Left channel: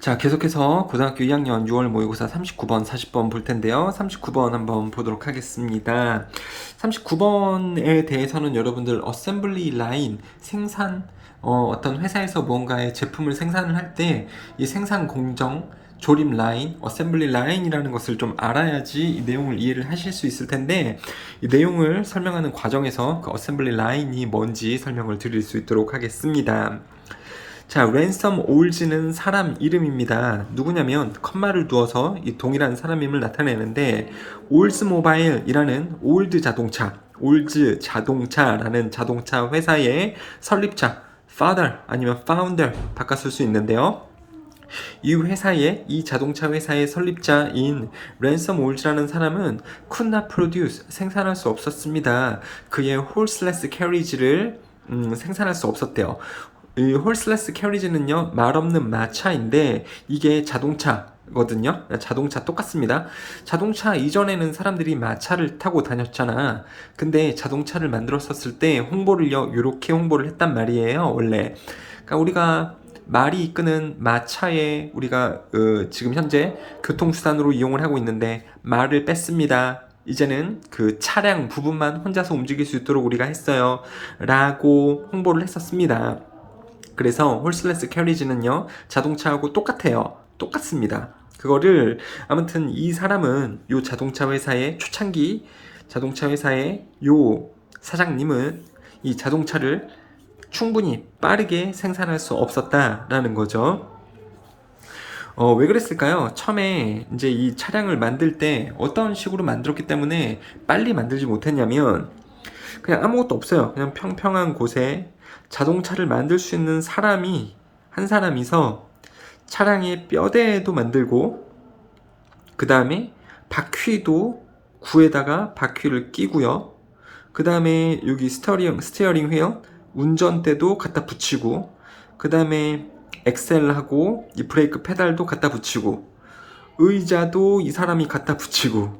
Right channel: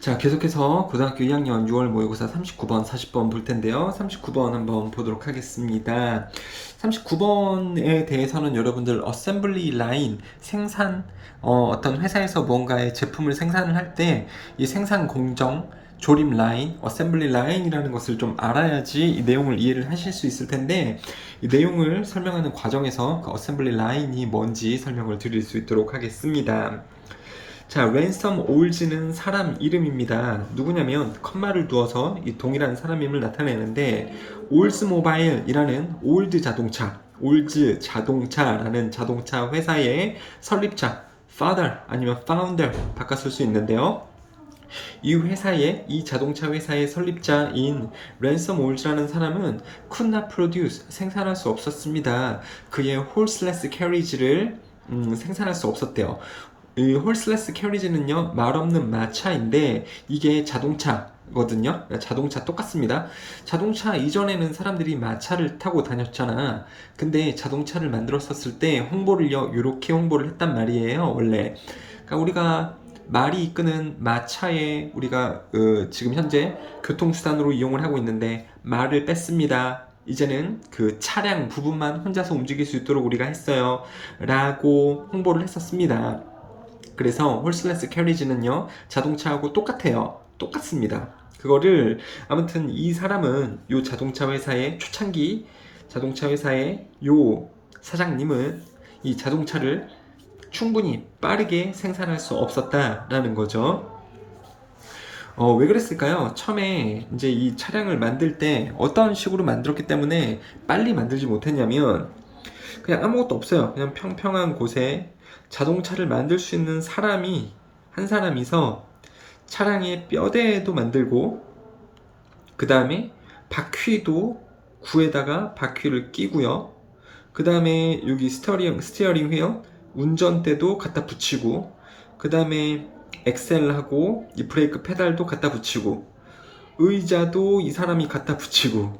자, 계속해서 고등학교 2학년 6월 모의고사 39번, 40번 볼 텐데요. 39번 한번 보도록 하겠습니다. 39번에 대해서는 여러분들 어셈블리 라인, 생산, 어떤 회사에서 무언가의 제품을 생산을 할 때 이 생산 공정, 조립 라인, 어셈블리 라인이라는 것을 좀 알아야지 이 내용을 이해를 하실 수 있을 텐데, 이 내용을 설명하는 과정에서 그 어셈블리 라인이 뭔지 설명을 드릴 수 있도록 하겠습니다. 자, 랜섬 올즈는 사람 이름입니다. 누구냐면 컴마를 두어서 이 동일한 사람임을 나타내는데, 올즈 모바일이라는 올드 자동차라는 자동차 회사의 설립자, father 아니면 founder 바꿔 쓸 수 있는데요. 이 자동차 회사의 설립자인 랜섬 올즈라는 사람은 could not produce 생산할 수 없었습니다. 그의 horseless carriage를 생산할 수 없었대요. 이 horseless carriage는요, 말 없는 마차인데 이게 자동차거든요. 자동차 똑같습니다. 자동차 이전에는 사람들이 마차를 타고 다녔잖아. 근데 자동차를 만들었었을 때 홍보를요, 이렇게 홍보를 했단 말이에요, 원래. 그러니까 우리가 말이 이끄는 마차에 우리가 지금 현재 교통수단으로 이용을 하고 있는데 말을 뺐습니다. 이제는 그 차량 부분만 혼자서 움직일 수 있도록 우리가 했어요, 라고 홍보를 했었습니다. 그래서 홀슬레스 캐리지는요, 자동차하고 똑같습니다. 그거를 아무튼 이 사람은 요 자동차 회사의 초창기 자동차 회사의 요 사장님은 이 자동차를 충분히 빠르게 생산할 수 없었다라는 거죠. 왜 그랬을까요? 처음에 이제 이 차량을 만들 때 어떤 식으로 만들었기 때문에 빨리 만들지 못했냐면, 그냥 아무것도 없어요. 그냥 평평한 곳에 자동차를 만들 수 있는 한 사람이서 차량의 뼈대도 만들고, 그 다음에 바퀴도 구에다가 바퀴를 끼고요. 그 다음에 여기 스티어링 휠, 운전대도 갖다 붙이고, 그 다음에 엑셀하고 이 브레이크 페달도 갖다 붙이고, 의자도 이 사람이 갖다 붙이고,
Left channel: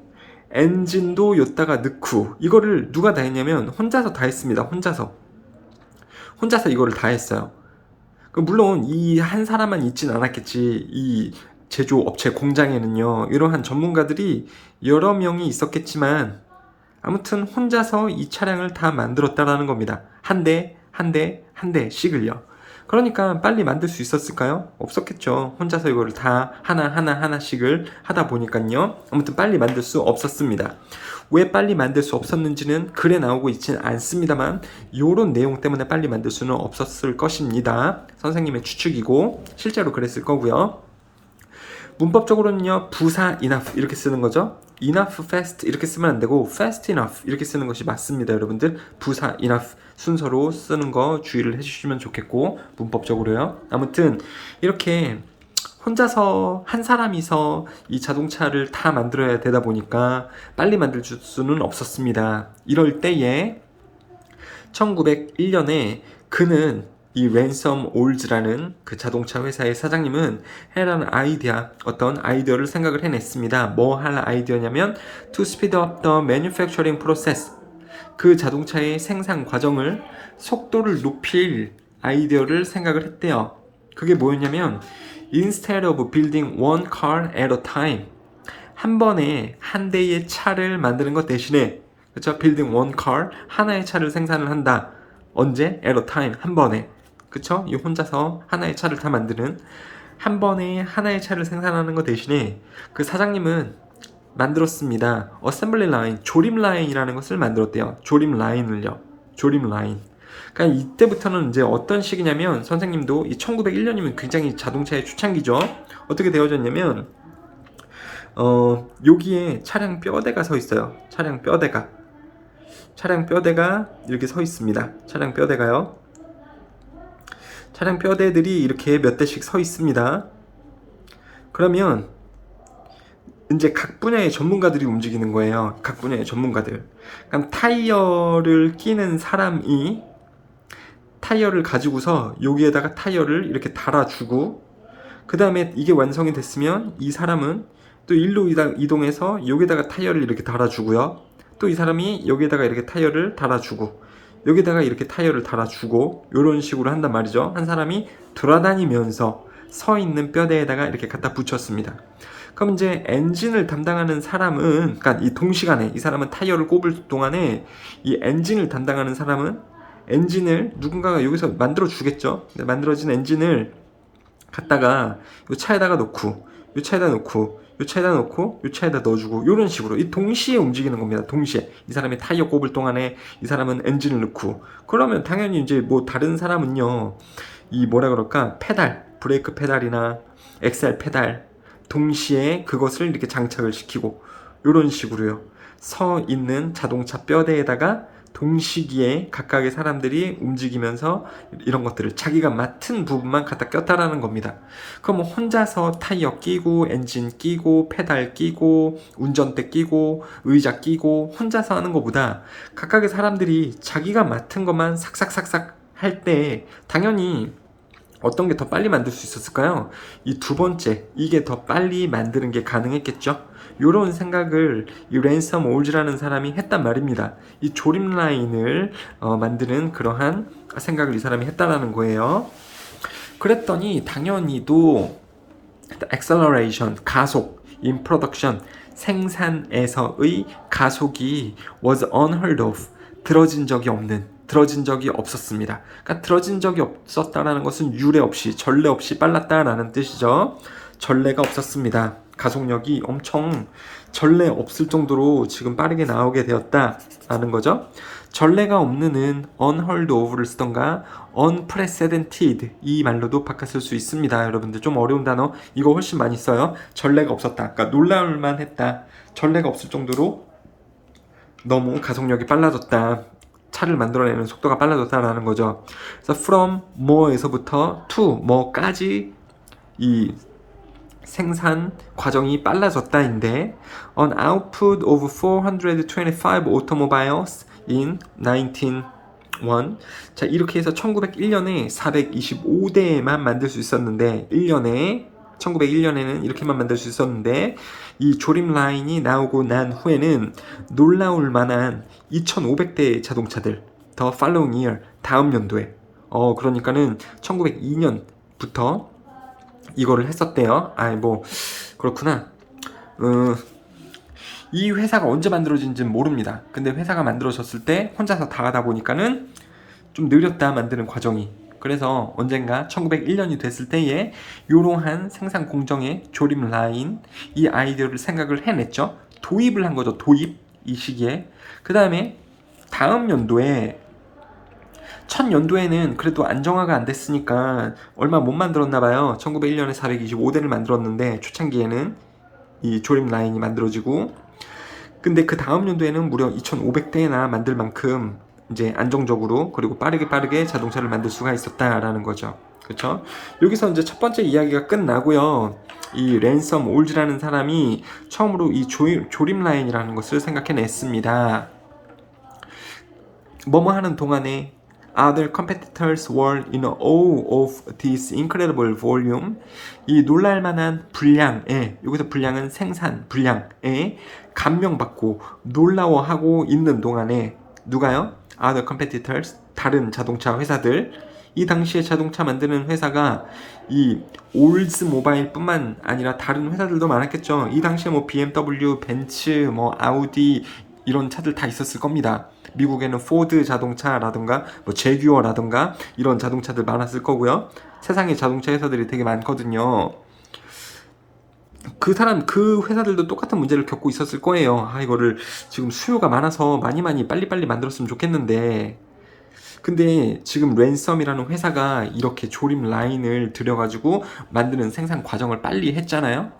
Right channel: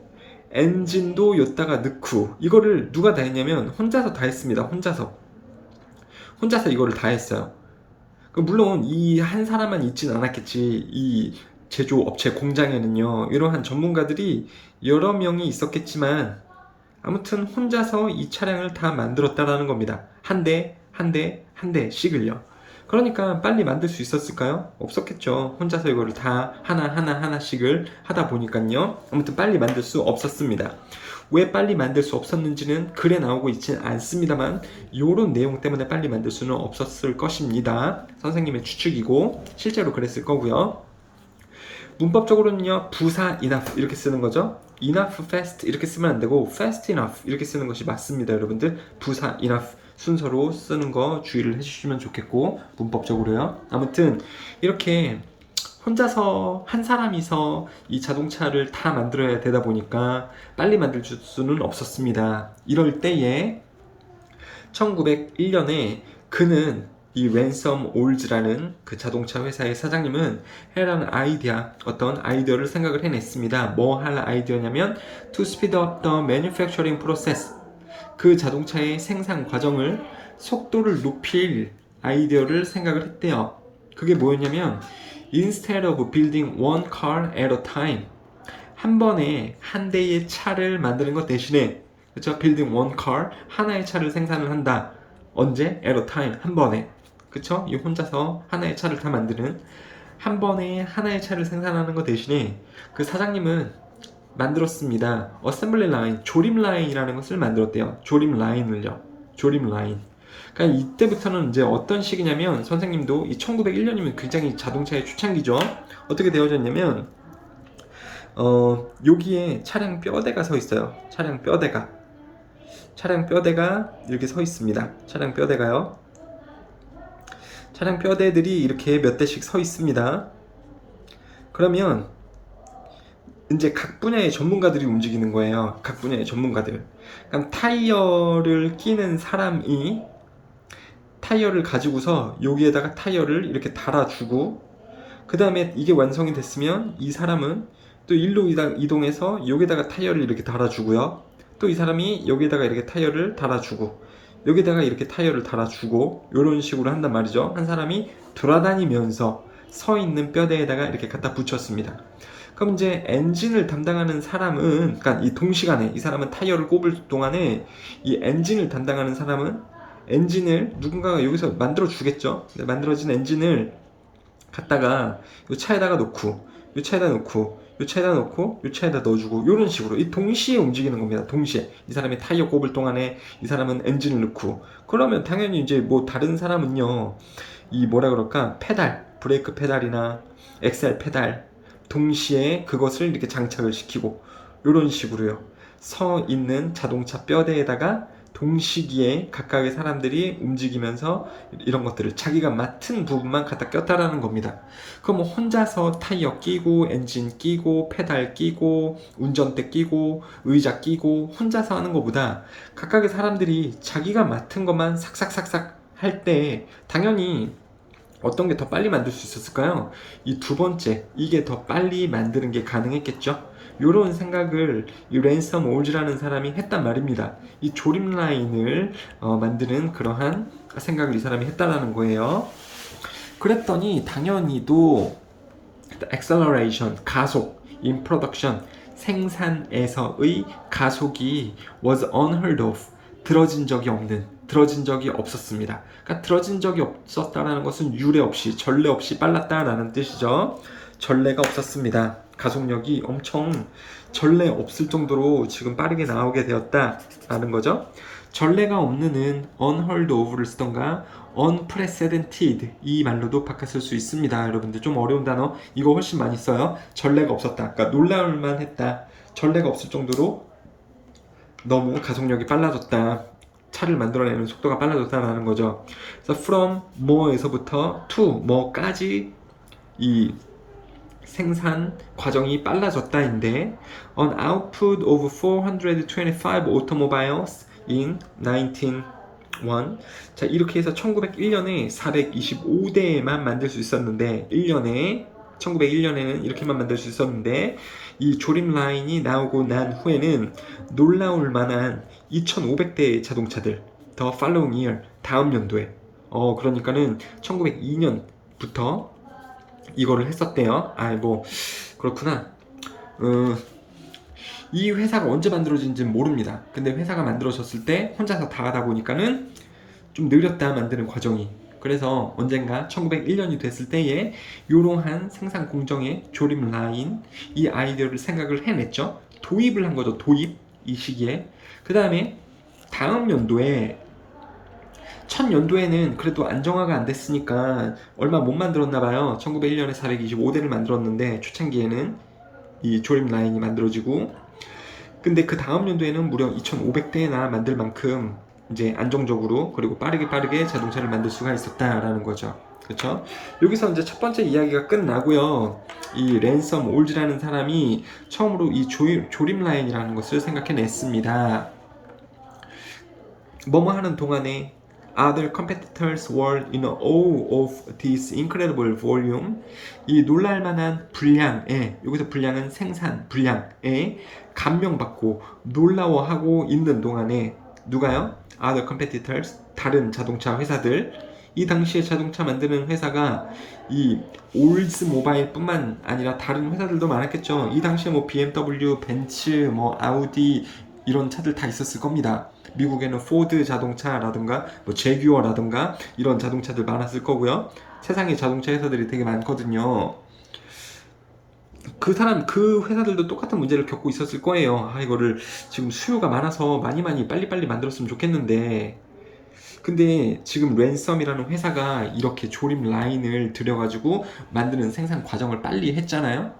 엔진도 여기다가 넣고, 이거를 누가 다 했냐면 혼자서 다 했습니다. 혼자서 이거를 다 했어요. 물론 이 한 사람만 있진 않았겠지. 이 제조업체 공장에는요, 이러한 전문가들이 여러 명이 있었겠지만 아무튼 혼자서 이 차량을 다 만들었다라는 겁니다. 한 대 씩을요. 그러니까 빨리 만들 수 있었을까요? 없었겠죠. 혼자서 이거를 다 하나씩을 하다 보니까요. 아무튼 빨리 만들 수 없었습니다. 왜 빨리 만들 수 없었는지는 글에 나오고 있지는 않습니다만, 요런 내용 때문에 빨리 만들 수는 없었을 것입니다. 선생님의 추측이고 실제로 그랬을 거고요. 문법적으로는요, 부사 enough 이렇게 쓰는 거죠. enough fast 이렇게 쓰면 안 되고 fast enough 이렇게 쓰는 것이 맞습니다. 여러분들 부사 enough 순서로 쓰는 거 주의를 해주시면 좋겠고, 문법적으로요. 아무튼 이렇게 혼자서 한 사람이서 이 자동차를 다 만들어야 되다 보니까 빨리 만들 수는 없었습니다. 이럴 때에 1901년에 그는 이 랜섬 올즈라는 그 자동차 회사의 사장님은 어떤 아이디어를 생각을 해냈습니다. 뭐 할 아이디어냐면 to speed up the manufacturing process, 그 자동차의 생산 과정을 속도를 높일 아이디어를 생각을 했대요. 그게 뭐였냐면 instead of building one car at a time, 한 번에 한 대의 차를 만드는 것 대신에, 그렇죠? building one car, 하나의 차를 생산을 한다. 언제? at a time, 한 번에. 그쵸? 이 혼자서 하나의 차를 다 만드는, 한 번에 하나의 차를 생산하는 것 대신에 그 사장님은 만들었습니다. 어셈블리 라인, 조립 라인이라는 것을 만들었대요. 조립 라인을요. 조립 라인. 그러니까 이때부터는 이제 어떤 식이냐면, 선생님도 이 1901년이면 굉장히 자동차의 초창기죠. 어떻게 되어졌냐면, 여기에 차량 뼈대가 서 있어요. 차량 뼈대가 이렇게 서 있습니다. 차량 뼈대가요. 차량 뼈대들이 이렇게 몇 대씩 서 있습니다. 그러면 이제 각 분야의 전문가들이 움직이는 거예요. 각 분야의 전문가들. 그럼 타이어를 끼는 사람이 타이어를 가지고서 여기에다가 타이어를 이렇게 달아주고, 그 다음에 이게 완성이 됐으면 이 사람은 또 일로 이동해서 여기다가 타이어를 이렇게 달아주고요. 또 이 사람이 여기에다가 이렇게 타이어를 달아주고, 여기다가 이렇게 타이어를 달아주고, 이런 식으로 한단 말이죠. 한 사람이 돌아다니면서 서 있는 뼈대에다가 이렇게 갖다 붙였습니다. 그럼 이제 엔진을 담당하는 사람은, 그러니까 이 동시간에 이 사람은 타이어를 꼽을 동안에 이 엔진을 담당하는 사람은 엔진을 누군가가 여기서 만들어 주겠죠. 만들어진 엔진을 갖다가 이 차에다가 놓고, 이 차에다 놓고, 이 차에다 놓고, 이 차에다 넣어주고, 이런 식으로 이 동시에 움직이는 겁니다. 동시에 이 사람이 타이어 꼽을 동안에 이 사람은 엔진을 넣고, 그러면 당연히 이제 뭐 다른 사람은요, 이 뭐라 그럴까, 페달, 브레이크 페달이나 엑셀 페달 동시에 그것을 이렇게 장착을 시키고, 이런 식으로요. 서 있는 자동차 뼈대에다가 동시기에 각각의 사람들이 움직이면서 이런 것들을 자기가 맡은 부분만 갖다 꼈다라는 겁니다. 그럼 뭐 혼자서 타이어 끼고 엔진 끼고 페달 끼고 운전대 끼고 의자 끼고 혼자서 하는 것보다 각각의 사람들이 자기가 맡은 것만 삭삭삭삭 할 때 당연히 어떤 게 더 빨리 만들 수 있었을까요? 이 두 번째, 이게 더 빨리 만드는 게 가능했겠죠? 이런 생각을 이 랜섬 올즈라는 사람이 했단 말입니다. 이 조립 라인을 만드는 그러한 생각을 이 사람이 했다라는 거예요. 그랬더니 당연히도 acceleration, 가속, in production, 생산에서의 가속이 was unheard of, 들어진 적이 없었습니다. 그러니까 들어진 적이 없었다라는 것은 유례 없이, 전례 없이 빨랐다라는 뜻이죠. 전례가 없었습니다. 가속력이 엄청 전례 없을 정도로 지금 빠르게 나오게 되었다라는 거죠. 전례가 없는은 unheard of를 쓰던가 unprecedented 이 말로도 바꿨을 수 있습니다. 여러분들 좀 어려운 단어 이거 훨씬 많이 써요. 전례가 없었다. 그러니까 놀라울만 했다. 전례가 없을 정도로 너무 가속력이 빨라졌다. 차를 만들어내는 속도가 빨라졌다라는 거죠. 그래서 from more에서부터 to more까지 이 생산 과정이 빨라졌다인데 an output of 425 automobiles in 1901. 자, 이렇게 해서 1901년에 425대만 만들 수 있었는데 1901년에는 이렇게만 만들 수 있었는데 이 조립 라인이 나오고 난 후에는 놀라울 만한 2500대의 자동차들 the following year 다음 연도에 그러니까는 1902년부터 이거를 했었대요. 뭐 그렇구나. 이 회사가 언제 만들어진지는 모릅니다. 근데 회사가 만들어졌을 때 혼자서 다 하다 보니까는 좀 느렸다 만드는 과정이. 그래서 언젠가 1901년이 됐을 때에 이러한 생산 공정의 조립 라인 이 아이디어를 생각을 해냈죠. 도입을 한 거죠. 도입 이 시기에. 그 다음에 다음 연도에 첫 연도에는 그래도 안정화가 안 됐으니까 얼마 못 만들었나 봐요. 1901년에 425대를 만들었는데 초창기에는 이 조립 라인이 만들어지고 근데 그 다음 연도에는 무려 2500대나 만들 만큼 이제 안정적으로 그리고 빠르게 자동차를 만들 수가 있었다라는 거죠. 그렇죠? 여기서 이제 첫 번째 이야기가 끝나고요. 이 랜섬 올즈라는 사람이 처음으로 이 조립 라인이라는 것을 생각해냈습니다. 뭐뭐 하는 동안에 other competitors were in awe of this incredible volume. 이 놀랄만한 분량에, 여기서 분량은 생산 분량에 감명받고 놀라워하고 있는 동안에 누가요? other competitors, 다른 자동차 회사들. 이 당시에 자동차 만드는 회사가 이 올즈 모바일 뿐만 아니라 다른 회사들도 많았겠죠. 이 당시에 뭐 BMW, 벤츠, 뭐 아우디 이런 차들 다 있었을 겁니다. 미국에는 포드 자동차라든가 뭐 제규어라든가 이런 자동차들 많았을 거고요. 세상에 자동차 회사들이 되게 많거든요. 그 회사들도 똑같은 문제를 겪고 있었을 거예요. 이거를 지금 수요가 많아서 많이 빨리 만들었으면 좋겠는데 근데 지금 랜섬이라는 회사가 이렇게 조립 라인을 들여가지고 만드는 생산 과정을 빨리 했잖아요.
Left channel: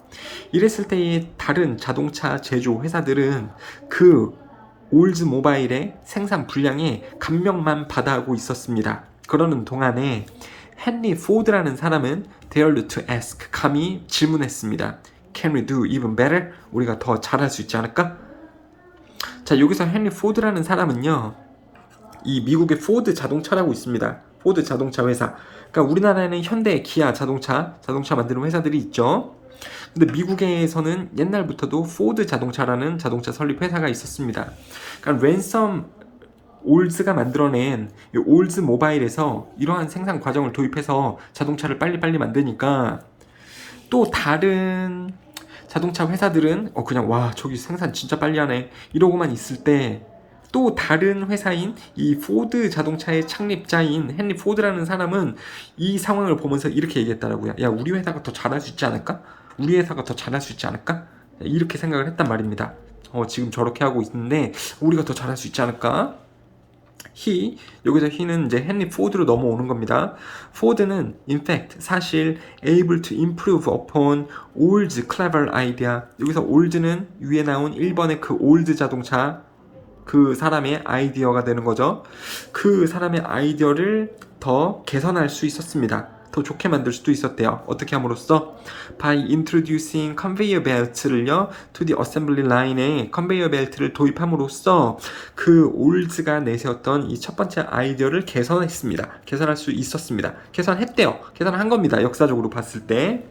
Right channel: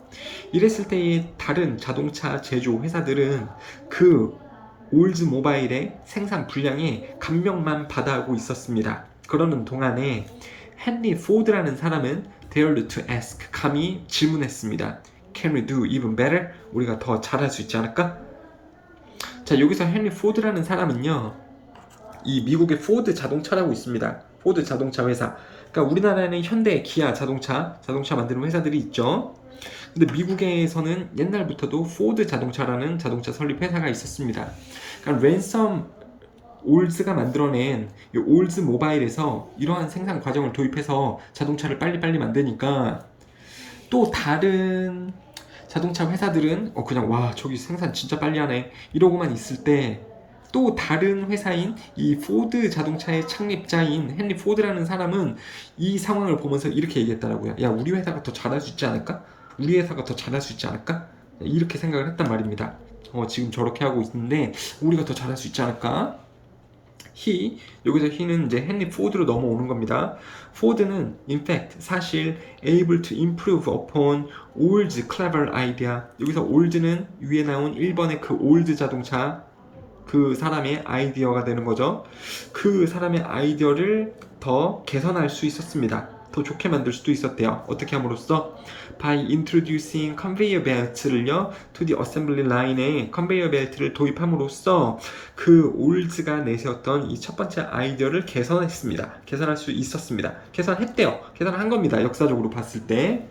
이랬을 때에 다른 자동차 제조 회사들은 그 올즈 모바일의 생산 분량에 감명만 받아하고 있었습니다. 그러는 동안에 헨리 포드라는 사람은 dared to ask, 감히 질문했습니다. Can we do even better? 우리가 더 잘할 수 있지 않을까? 자, 여기서 헨리 포드라는 사람은요, 이 미국의 포드 자동차라고 있습니다. 포드 자동차 회사. 그러니까 우리나라에는 현대, 기아 자동차 만드는 회사들이 있죠. 근데 미국에서는 옛날부터도 포드 자동차라는 자동차 설립 회사가 있었습니다. 그러니까 랜섬 올즈가 만들어낸 이 올즈 모바일에서 이러한 생산 과정을 도입해서 자동차를 빨리빨리 만드니까 또 다른 자동차 회사들은 그냥 와 저기 생산 진짜 빨리 하네 이러고만 있을 때 또 다른 회사인 이 포드 자동차의 창립자인 헨리 포드라는 사람은 이 상황을 보면서 이렇게 얘기했더라고요. 야 우리 회사가 더 잘할 수 있지 않을까? 우리 회사가 더 잘할 수 있지 않을까? 이렇게 생각을 했단 말입니다. 지금 저렇게 하고 있는데 우리가 더 잘할 수 있지 않을까? 여기서 he는 이제 헨리 포드로 넘어오는 겁니다. 포드는 in fact 사실 able to improve upon old's clever idea. 여기서 old는 위에 나온 1번의 그 old 자동차 그 사람의 아이디어가 되는 거죠. 그 사람의 아이디어를 더 개선할 수 있었습니다. 더 좋게 만들 수도 있었대요. 어떻게 함으로써? By introducing conveyor belts를요 to the assembly line에 conveyor belt를 도입함으로써 그 올즈가 내세웠던 이 첫 번째 아이디어를 개선했습니다. 개선할 수 있었습니다. 개선했대요. 개선한 겁니다. 역사적으로 봤을 때.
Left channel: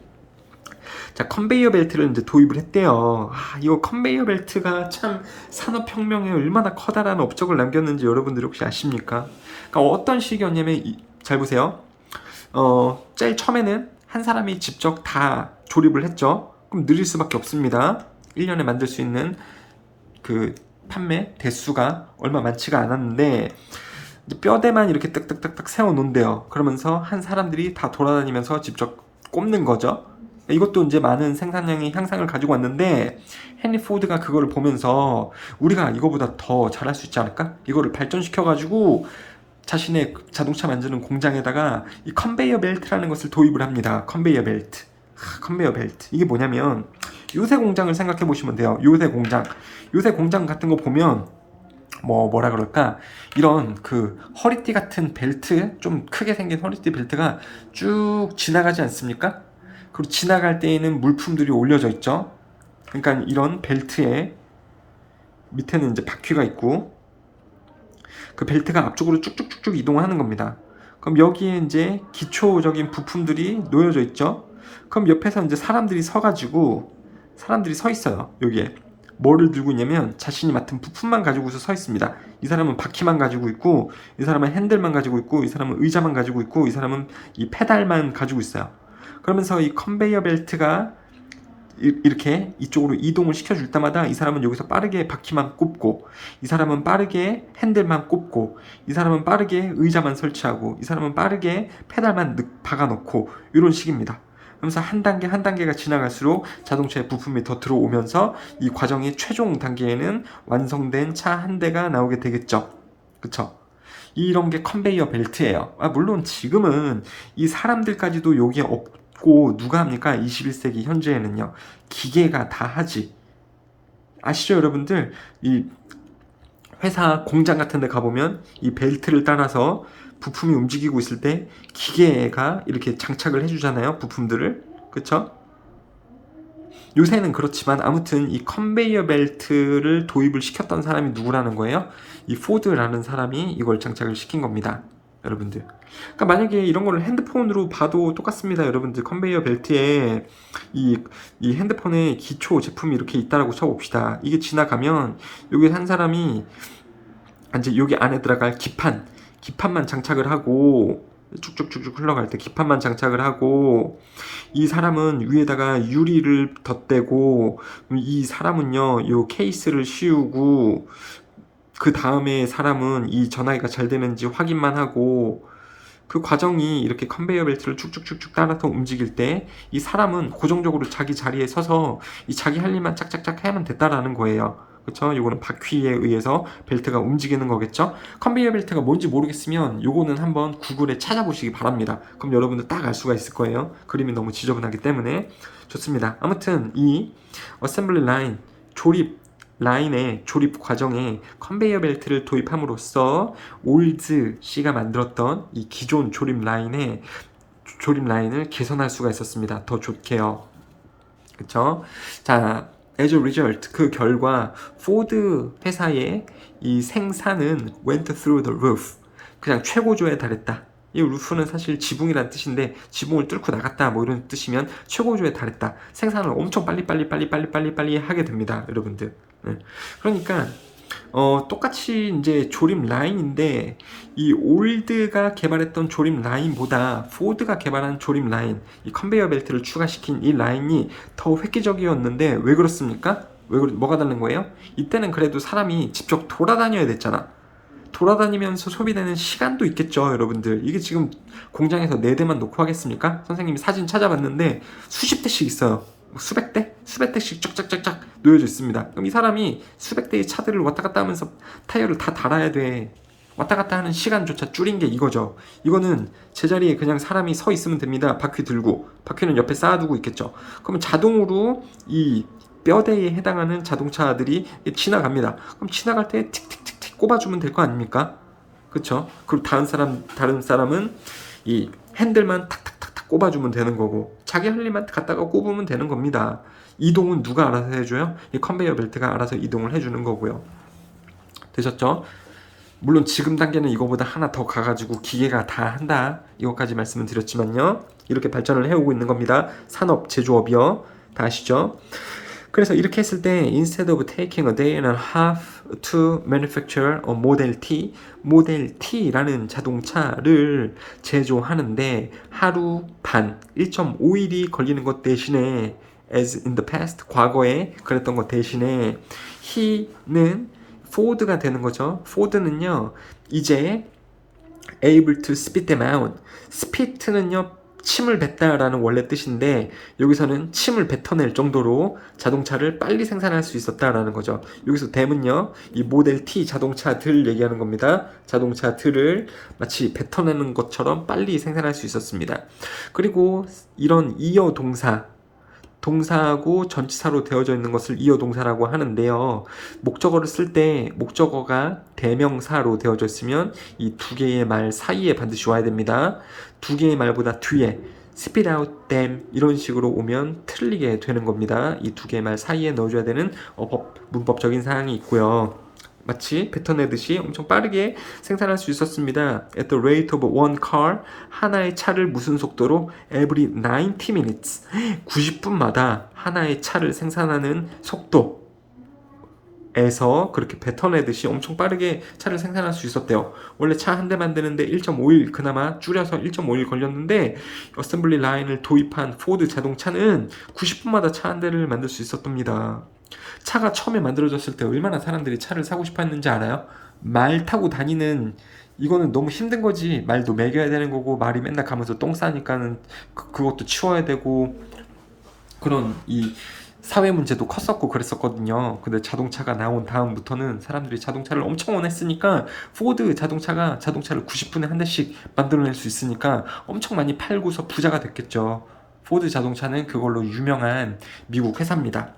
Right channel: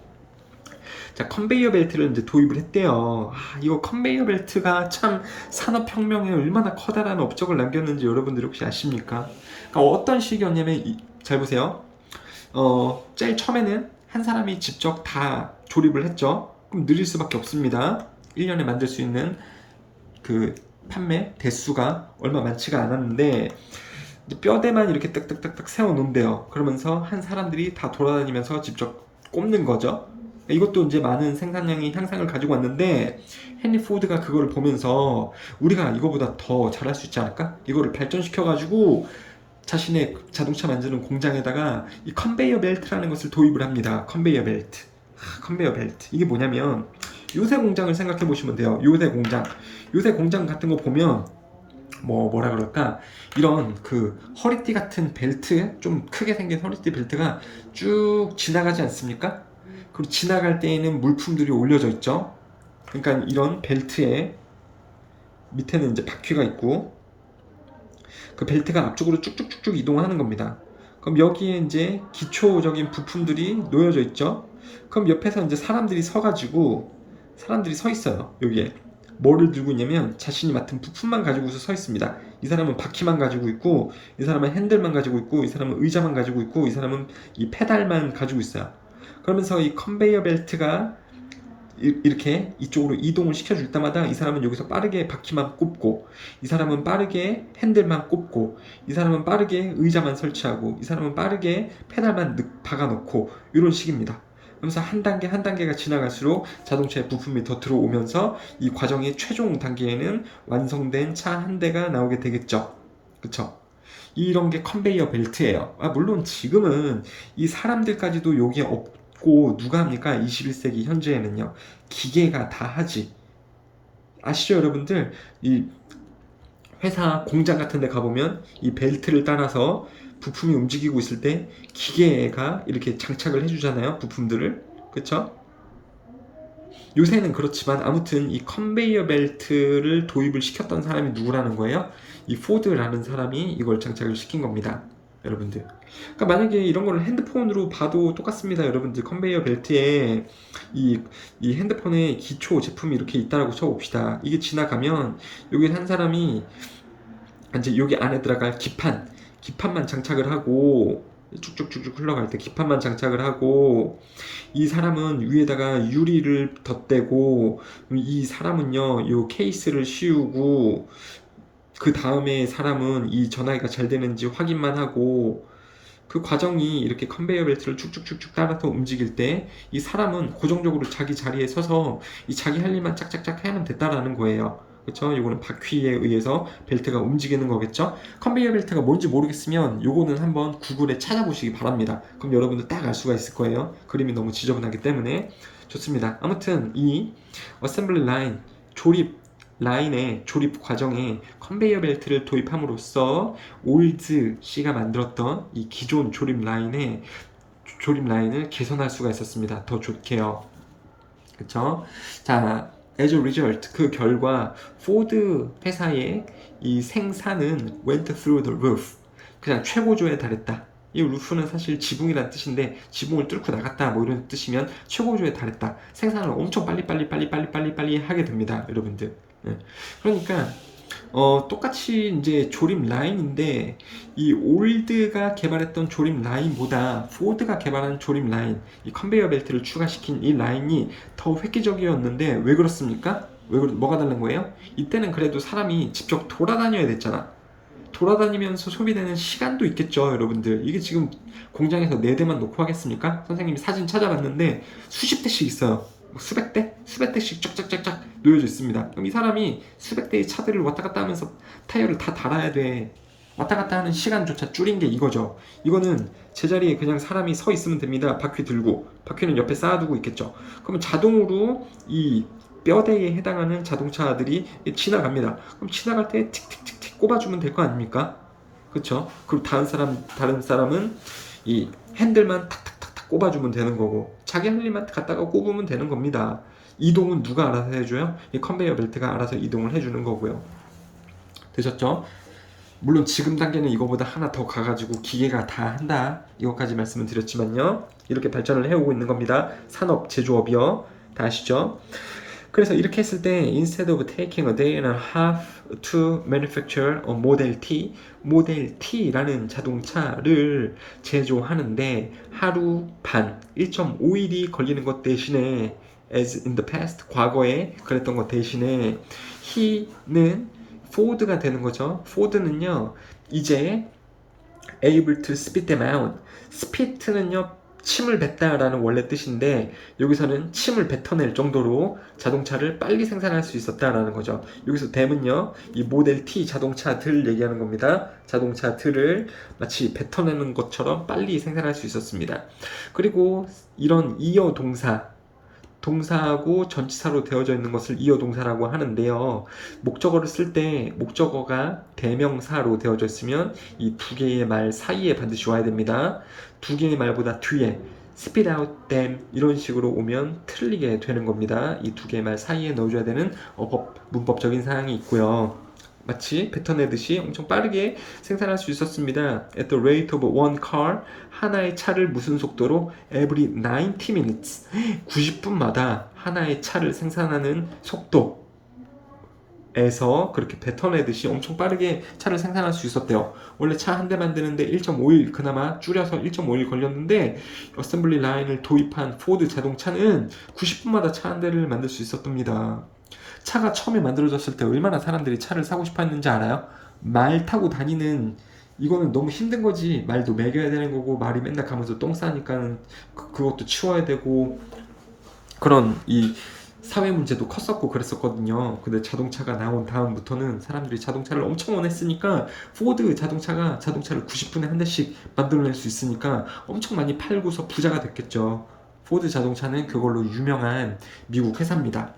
자, 컨베이어 벨트를 이제 도입을 했대요. 이거 컨베이어 벨트가 참 산업혁명에 얼마나 커다란 업적을 남겼는지 여러분들 혹시 아십니까? 그러니까 어떤 식이었냐면, 잘 보세요. 제일 처음에는 한 사람이 직접 다 조립을 했죠. 그럼 느릴 수밖에 없습니다. 1년에 만들 수 있는 그 판매 대수가 얼마 많지가 않았는데, 뼈대만 이렇게 딱딱딱딱 세워 놓은대요. 그러면서 한 사람들이 다 돌아다니면서 직접 꼽는 거죠. 이것도 이제 많은 생산량의 향상을 가지고 왔는데 헨리 포드가 그거를 보면서 우리가 이거보다 더 잘할 수 있지 않을까? 이거를 발전시켜가지고 자신의 자동차 만드는 공장에다가 이 컨베이어 벨트라는 것을 도입을 합니다. 컨베이어 벨트. 컨베이어 벨트. 이게 뭐냐면 요새 공장을 생각해 보시면 돼요. 요새 공장 같은 거 보면 뭐라 그럴까? 이런 그 허리띠 같은 벨트, 좀 크게 생긴 허리띠 벨트가 쭉 지나가지 않습니까? 그리고 지나갈 때에는 물품들이 올려져 있죠. 그러니까 이런 벨트에 밑에는 이제 바퀴가 있고 그 벨트가 앞쪽으로 쭉쭉쭉쭉 이동을 하는 겁니다. 그럼 여기에 이제 기초적인 부품들이 놓여져 있죠. 그럼 옆에서 이제 사람들이 서 있어요. 여기에 뭐를 들고 있냐면 자신이 맡은 부품만 가지고서 서 있습니다. 이 사람은 바퀴만 가지고 있고, 이 사람은 핸들만 가지고 있고, 이 사람은 의자만 가지고 있고, 이 사람은 이 페달만 가지고 있어요. 그러면서 이 컨베이어 벨트가 이렇게 이쪽으로 이동을 시켜줄 때마다 이 사람은 여기서 빠르게 바퀴만 꼽고, 이 사람은 빠르게 핸들만 꼽고, 이 사람은 빠르게 의자만 설치하고, 이 사람은 빠르게 페달만 박아놓고, 이런 식입니다. 그러면서 한 단계 한 단계가 지나갈수록 자동차의 부품이 더 들어오면서 이 과정의 최종 단계에는 완성된 차 한 대가 나오게 되겠죠. 그쵸? 이런 게 컨베이어 벨트예요. 물론 지금은 이 사람들까지도 여기에 없고 누가 합니까? 21세기 현재에는요. 기계가 다 하지. 아시죠, 여러분들? 이 회사 공장 같은 데 가보면 이 벨트를 따라서 부품이 움직이고 있을 때 기계가 이렇게 장착을 해주잖아요. 부품들을. 그쵸? 요새는 그렇지만 아무튼 이 컨베이어 벨트를 도입을 시켰던 사람이 누구라는 거예요? 이 포드라는 사람이 이걸 장착을 시킨 겁니다. 여러분들. 그러니까 만약에 이런 걸 핸드폰으로 봐도 똑같습니다. 여러분들. 컨베이어 벨트에 이 핸드폰의 기초 제품이 이렇게 있다라고 쳐봅시다. 이게 지나가면 여기 한 사람이 이제 여기 안에 들어갈 기판만 장착을 하고 쭉쭉쭉쭉 흘러갈 때 기판만 장착을 하고, 이 사람은 위에다가 유리를 덧대고, 이 사람은요 요 케이스를 씌우고, 그 다음에 사람은 이 전화기가 잘 되는지 확인만 하고, 그 과정이 이렇게 컨베이어 벨트를 쭉쭉쭉쭉 따라서 움직일 때 이 사람은 고정적으로 자기 자리에 서서 이 자기 할 일만 짝짝짝 하면 됐다라는 거예요. 그렇죠? 요거는 바퀴에 의해서 벨트가 움직이는 거겠죠? 컨베이어 벨트가 뭔지 모르겠으면 요거는 한번 구글에 찾아보시기 바랍니다. 그럼 여러분들 딱 알 수가 있을 거예요. 그림이 너무 지저분하기 때문에. 좋습니다. 아무튼 이 어셈블리 라인, 조립 라인의 조립 과정에 컨베이어 벨트를 도입함으로써 올즈 씨가 만들었던 이 기존 조립 라인을 개선할 수가 있었습니다. 더 좋게요. 그쵸? 자, as a result, 그 결과 포드 회사의 이 생산은 went through the roof. 그냥 최고조에 달했다. 이 루프는 사실 지붕이란 뜻인데 지붕을 뚫고 나갔다 뭐 이런 뜻이면 최고조에 달했다. 생산을 엄청 빨리 하게 됩니다, 여러분들. 네. 그러니까 똑같이 이제 조립 라인인데 이 올드가 개발했던 조립 라인보다 포드가 개발한 조립 라인, 이 컨베이어 벨트를 추가시킨 이 라인이 더 획기적이었는데 왜 그렇습니까? 뭐가 다른 거예요? 이때는 그래도 사람이 직접 돌아다녀야 됐잖아. 돌아다니면서 소비되는 시간도 있겠죠, 여러분들. 이게 지금 공장에서 4대만 놓고 하겠습니까? 선생님이 사진 찾아봤는데 수십 대씩 있어요. 뭐 수백 대? 수백 대씩 쫙쫙쫙쫙 놓여져 있습니다. 그럼 이 사람이 수백 대의 차들을 왔다 갔다 하면서 타이어를 다 달아야 돼. 왔다 갔다 하는 시간조차 줄인 게 이거죠. 이거는 제자리에 그냥 사람이 서 있으면 됩니다. 바퀴 들고. 바퀴는 옆에 쌓아두고 있겠죠. 그러면 자동으로 이 뼈대에 해당하는 자동차들이 지나갑니다. 그럼 지나갈 때 틱틱틱틱 꼽아주면 될 거 아닙니까? 그쵸? 그리고 다른 사람은 이 핸들만 탁탁탁탁 꼽아주면 되는 거고, 자기 할 일만 갖다가 꼽으면 되는 겁니다. 이동은 누가 알아서 해줘요? 이 컨베이어 벨트가 알아서 이동을 해주는 거고요. 되셨죠? 물론 지금 단계는 이거보다 하나 더 가가지고 기계가 다 한다, 이것까지 말씀을 드렸지만요, 이렇게 발전을 해오고 있는 겁니다. 산업, 제조업이요. 다 아시죠? 그래서 이렇게 했을 때 instead of taking a day and a half to manufacture a Model T, 모델 T라는 자동차를 제조하는데 하루 반, 1.5일이 걸리는 것 대신에, as in the past, 과거에 그랬던 것 대신에 he는 포드가 되는 거죠. 포드는요, 이제 able to spit them out. spit는요, 침을 뱉다라는 원래 뜻인데 여기서는 침을 뱉어낼 정도로 자동차를 빨리 생산할 수 있었다라는 거죠. 여기서 them은요, 이 모델 T 자동차들 얘기하는 겁니다. 자동차들을 마치 뱉어내는 것처럼 빨리 생산할 수 있었습니다. 그리고 이런 이어 동사하고 전치사로 되어져 있는 것을 이어 동사라고 하는데요. 목적어를 쓸 때 목적어가 대명사로 되어져 있으면 이 두 개의 말 사이에 반드시 와야 됩니다. 두 개의 말보다 뒤에 spit out them 이런 식으로 오면 틀리게 되는 겁니다. 이 두 개의 말 사이에 넣어줘야 되는 문법적인 사항이 있고요. 마치 뱉어내듯이 엄청 빠르게 생산할 수 있었습니다. At the rate of one car, 하나의 차를 무슨 속도로? Every 90 minutes, 90분마다 하나의 차를 생산하는 속도에서 그렇게 뱉어내듯이 엄청 빠르게 차를 생산할 수 있었대요. 원래 차 한 대 만드는데 1.5일, 그나마 줄여서 1.5일 걸렸는데 어셈블리 라인을 도입한 포드 자동차는 90분마다 차 한 대를 만들 수 있었답니다. 차가 처음에 만들어졌을 때 얼마나 사람들이 차를 사고 싶어 했는지 알아요? 말 타고 다니는, 이거는 너무 힘든 거지. 말도 먹여야 되는 거고, 말이 맨날 가면서 똥 싸니까는 그것도 치워야 되고, 그런 이 사회 문제도 컸었고 그랬었거든요. 근데 자동차가 나온 다음부터는 사람들이 자동차를 엄청 원했으니까 포드 자동차를 90분에 한 대씩 만들어낼 수 있으니까 엄청 많이 팔고서 부자가 됐겠죠. 포드 자동차는 그걸로 유명한 미국 회사입니다.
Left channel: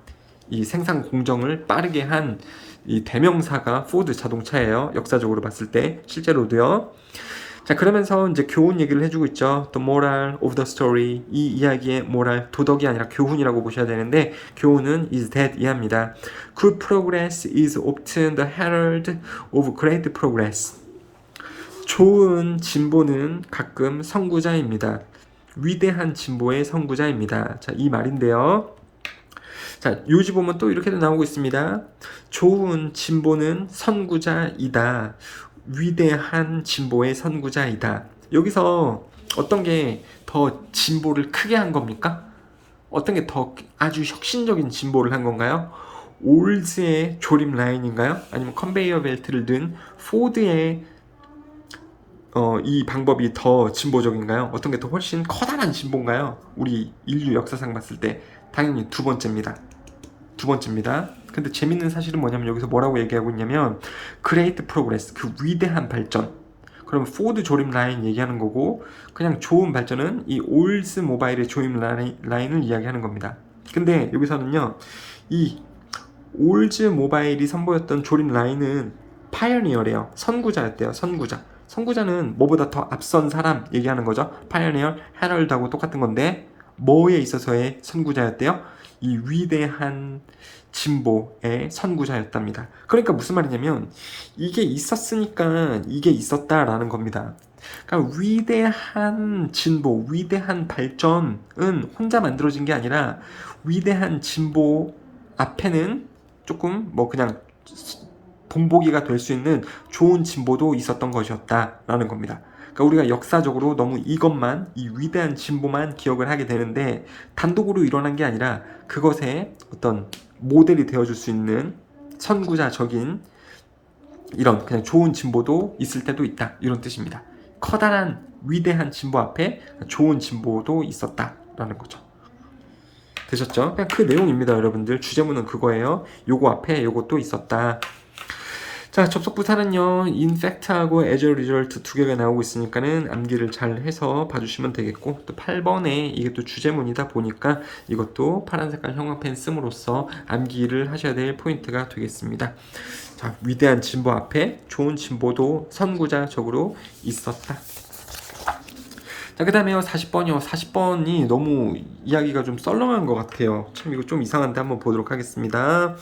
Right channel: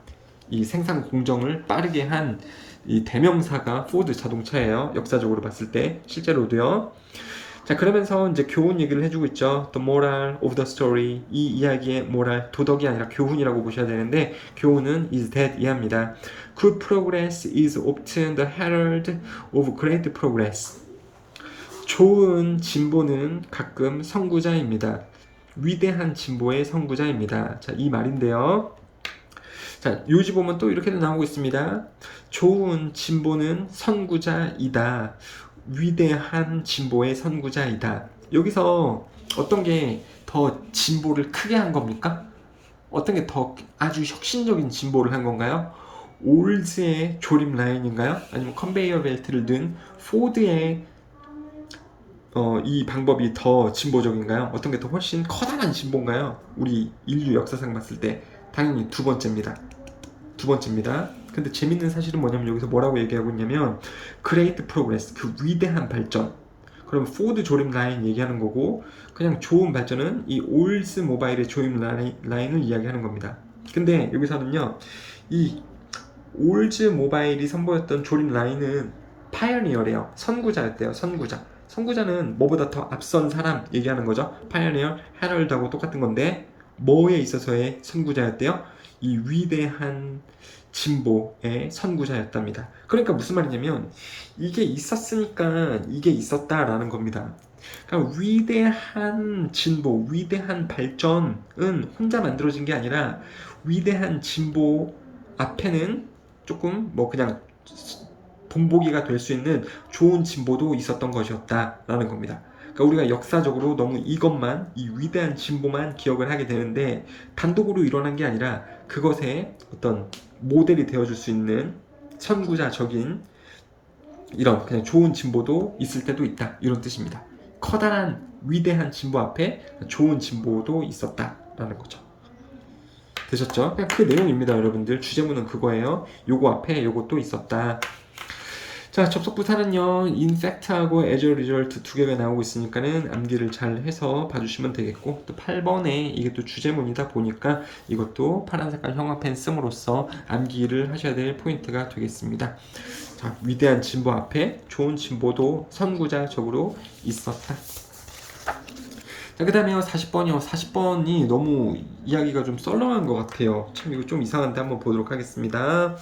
이 생산 공정을 빠르게 한 이 대명사가 포드 자동차예요. 역사적으로 봤을 때 실제로도요. 자, 그러면서 이제 교훈 얘기를 해주고 있죠. The moral of the story, 이 이야기의 모랄, 도덕이 아니라 교훈이라고 보셔야 되는데 교훈은 is that 이합니다. Good progress is often the herald of great progress. 좋은 진보는 가끔 선구자입니다. 위대한 진보의 선구자입니다. 자, 이 말인데요. 자, 요지 보면 또 이렇게도 나오고 있습니다. 좋은 진보는 선구자이다. 위대한 진보의 선구자이다. 여기서 어떤 게 더 진보를 크게 한 겁니까? 어떤 게 더 아주 혁신적인 진보를 한 건가요? 올즈의 조립 라인인가요? 아니면 컨베이어 벨트를 든 포드의 이 방법이 더 진보적인가요? 어떤 게 더 훨씬 커다란 진보인가요? 우리 인류 역사상 봤을 때 당연히 두 번째입니다. 근데 재밌는 사실은 뭐냐면 여기서 뭐라고 얘기하고 있냐면 Great Progress, 그 위대한 발전. 그럼 포드 조립 라인 얘기하는 거고, 그냥 좋은 발전은 이 올스 모바일의 조립 라인을 이야기하는 겁니다. 근데 여기서는요, 이 올즈 모바일이 선보였던 조립 라인은 파이어니어래요. 선구자였대요. 선구자는 뭐보다 더 앞선 사람 얘기하는 거죠. 파이어니어, 헤럴드하고 똑같은 건데 뭐에 있어서의 선구자였대요? 이 위대한 진보의 선구자였답니다. 그러니까 무슨 말이냐면 이게 있었으니까 이게 있었다라는 겁니다. 그러니까 위대한 진보, 위대한 발전은 혼자 만들어진 게 아니라 위대한 진보 앞에는 조금 뭐 그냥 본보기가 될 수 있는 좋은 진보도 있었던 것이었다라는 겁니다. 그러니까 우리가 역사적으로 너무 이것만, 이 위대한 진보만 기억을 하게 되는데 단독으로 일어난 게 아니라 그것의 어떤 모델이 되어줄 수 있는 선구자적인 이런 그냥 좋은 진보도 있을 때도 있다, 이런 뜻입니다. 커다란 위대한 진보 앞에 좋은 진보도 있었다라는 거죠. 되셨죠? 그냥 그 내용입니다, 여러분들. 주제문은 그거예요. 요거 앞에 요것도 있었다. 자, 접속 부사는요, in fact하고 as a result 두 개가 나오고 있으니까는 암기를 잘 해서 봐주시면 되겠고, 또 8번에 이게 또 주제문이다 보니까 이것도 파란 색깔 형광펜 씀으로써 암기를 하셔야 될 포인트가 되겠습니다. 자, 위대한 진보 앞에 좋은 진보도 선구자적으로 있었다. 자, 그 다음에요, 40번이요. 40번이 너무 이야기가 좀 썰렁한 것 같아요. 참 이거 좀 이상한데 한번 보도록 하겠습니다.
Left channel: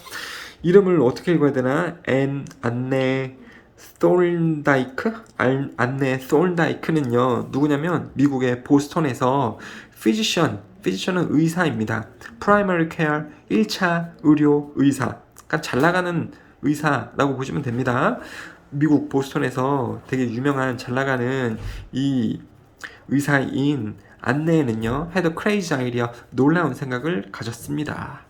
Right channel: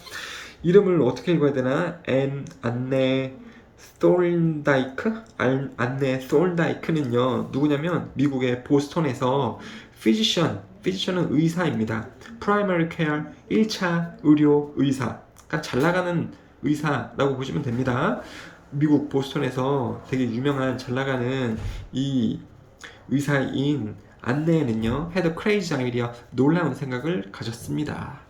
이름을 어떻게 읽어야 되나? 안네 솔다이크? 안네 솔다이크는요, 누구냐면 미국의 보스턴에서 피지션은 의사입니다. 프라이머리 케어 1차 의료 의사. 그러니까 잘 나가는 의사라고 보시면 됩니다. 미국 보스턴에서 되게 유명한 잘 나가는 이 의사인 안네는요, had a crazy idea, 놀라운 생각을 가졌습니다.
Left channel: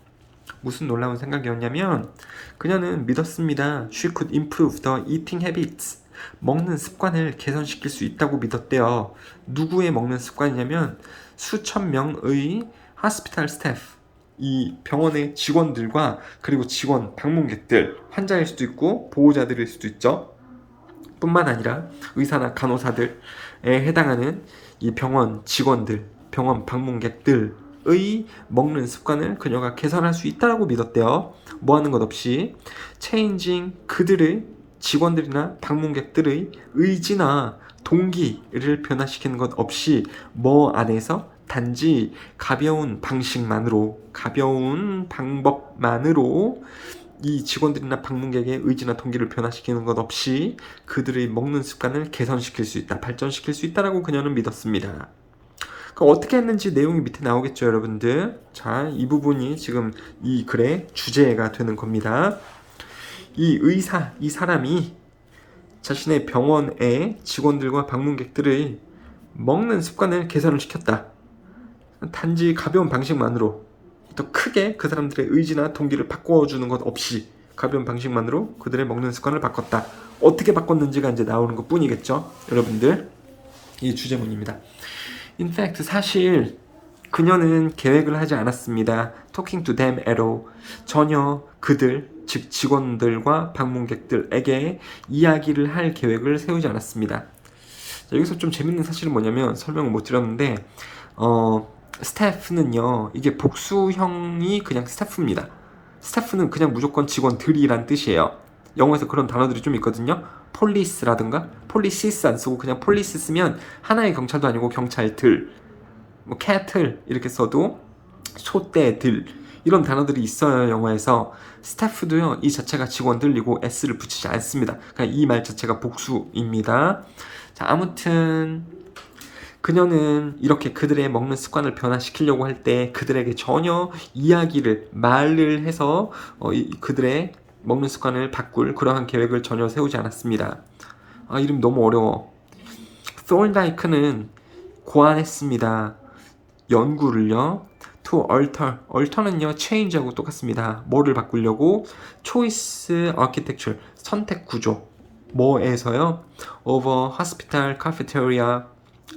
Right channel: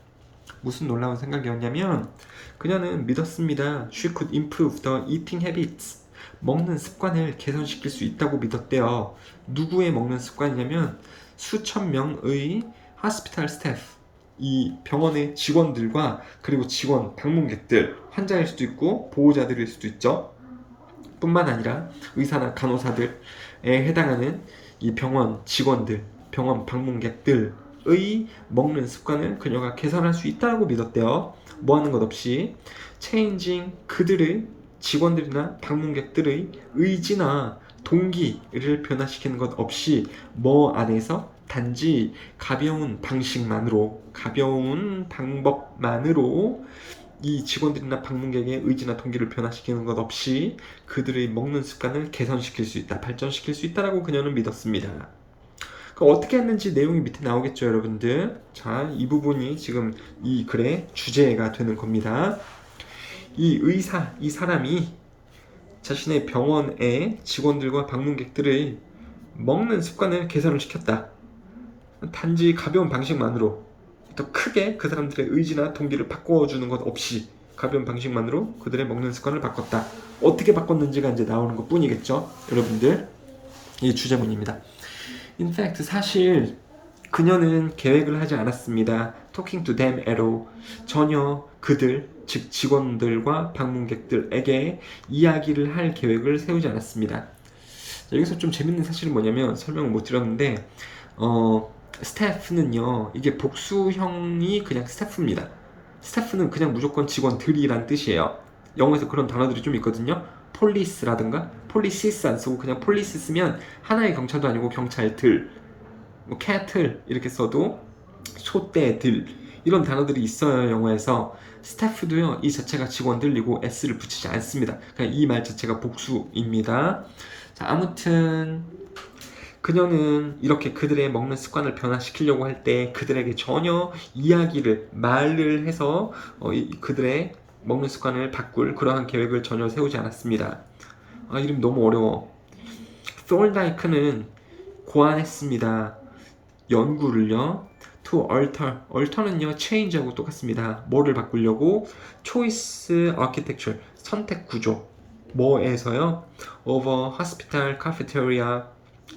무슨 놀라운 생각이었냐면 그녀는 믿었습니다. She could improve the eating habits. 먹는 습관을 개선시킬 수 있다고 믿었대요. 누구의 먹는 습관이냐면 수천 명의 hospital staff, 이 병원의 직원들과 그리고 직원, 방문객들, 환자일 수도 있고 보호자들일 수도 있죠. 뿐만 아니라 의사나 간호사들에 해당하는 이 병원 직원들, 병원 방문객들의 먹는 습관을 그녀가 개선할 수 있다고 믿었대요. 뭐 하는 것 없이 changing, 그들의 직원들이나 방문객들의 의지나 동기를 변화시키는 것 없이 뭐 안에서 단지 가벼운 방법만으로 이 직원들이나 방문객의 의지나 동기를 변화시키는 것 없이 그들의 먹는 습관을 개선시킬 수 있다, 발전시킬 수 있다라고 그녀는 믿었습니다. 어떻게 했는지 내용이 밑에 나오겠죠, 여러분들. 자, 이 부분이 지금 이 글의 주제가 되는 겁니다. 이 의사, 이 사람이 자신의 병원의 직원들과 방문객들의 먹는 습관을 개선을 시켰다. 단지 가벼운 방식만으로, 더 크게 그 사람들의 의지나 동기를 바꿔주는 것 없이 가벼운 방식만으로 그들의 먹는 습관을 바꿨다. 어떻게 바꿨는지가 이제 나오는 것 뿐이겠죠, 여러분들. 이게 주제문입니다. In fact, 사실 그녀는 계획을 하지 않았습니다. Talking to them at all. 전혀 그들, 즉 직원들과 방문객들에게 이야기를 할 계획을 세우지 않았습니다. 자, 여기서 좀 재밌는 사실은 뭐냐면 설명을 못 드렸는데 스태프는요, 이게 복수형이 그냥 스태프입니다. 스태프는 그냥 무조건 직원들이란 뜻이에요. 영어에서 그런 단어들이 좀 있거든요. 폴리스라든가 폴리시스 안 쓰고 그냥 폴리스 쓰면 하나의 경찰도 아니고 경찰들, 뭐 캐틀 이렇게 써도 소떼들, 이런 단어들이 있어요, 영어에서. 스태프도요, 이 자체가 직원들이고 s를 붙이지 않습니다. 그냥 이 말 자체가 복수입니다. 자, 아무튼 그녀는 이렇게 그들의 먹는 습관을 변화시키려고 할 때 그들에게 전혀 말을 해서 그들의 먹는 습관을 바꿀 그러한 계획을 전혀 세우지 않았습니다. 이름 너무 어려워. Thorndike는 고안했습니다. 연구를요. To alter는요, change하고 똑같습니다. 뭐를 바꾸려고? Choice architecture, 선택 구조. 뭐에서요? Over hospital cafeteria,